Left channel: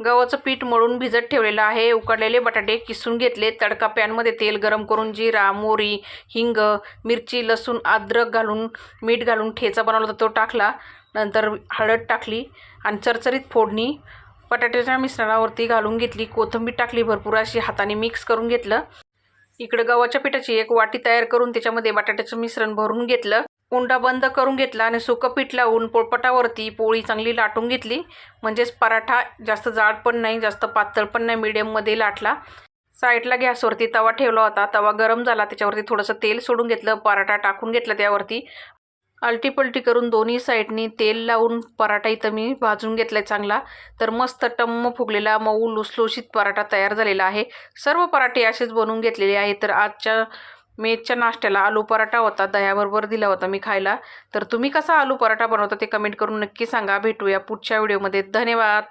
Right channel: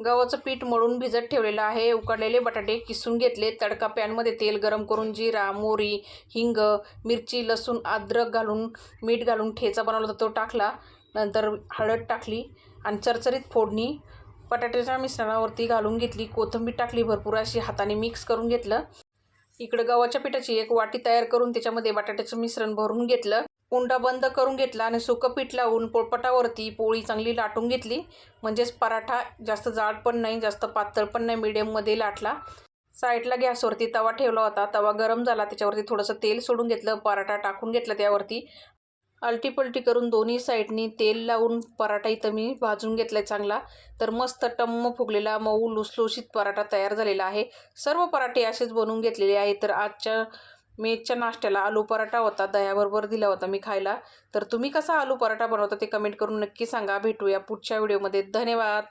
गव्हाचं पीठ मळून भिजत ठेवलेलं आहे. उकडलेले बटाटे किसून घेतले. तडका पॅनमध्ये तेल गरम करून जिरा मोरी हिंग मिरची लसूण अद्रक घालून मीठ घालून ठेचा बनवला होता तो टाकला. नंतर हळद टाकली आणि चरचरीत फोडणी बटाट्याच्या मिश्रणावरती घालून घेतली. कोथिंबीर टाकली भरपूर अशी हाताने मिक्स करून घेतलं. इकडं गव्हाच्या पिठाची एक वाटी तयार करून त्याच्यामध्ये बटाट्याचं मिश्रण भरून घेतलं. कुंडा बंद करून घेतला आणि सुकं पीठ लावून पोळपटावरती पोळी चांगली लाटून घेतली. म्हणजेच पराठा जास्त जाड पण नाही जास्त पातळ पण नाही मिडियममध्ये लाटला. साईडला गॅसवरती तवा ठेवला होता. तवा गरम झाला त्याच्यावरती थोडंसं तेल सोडून घेतलं पराठा टाकून घेतला त्यावरती. अलटीपलटी करून दोन्ही साईडनी तेल लावून पराठा इथं मी भाजून घेतला आहे चांगला. तर मस्त टम्म फुगलेला मऊ लुसलुशीत पराठा तयार झालेला आहे. सर्व पराठे असेच बनवून घेतलेले आहे तर आजच्या मेजच्या नाश्त्याला आलू पराठा होता दह्याबरोबर दिला होता मी खायला. तर तुम्ही कसा आलू पराठा बनवता ते कमेंट करून नक्की सांगा. भेटूया पुढच्या व्हिडिओमध्ये धन्यवाद!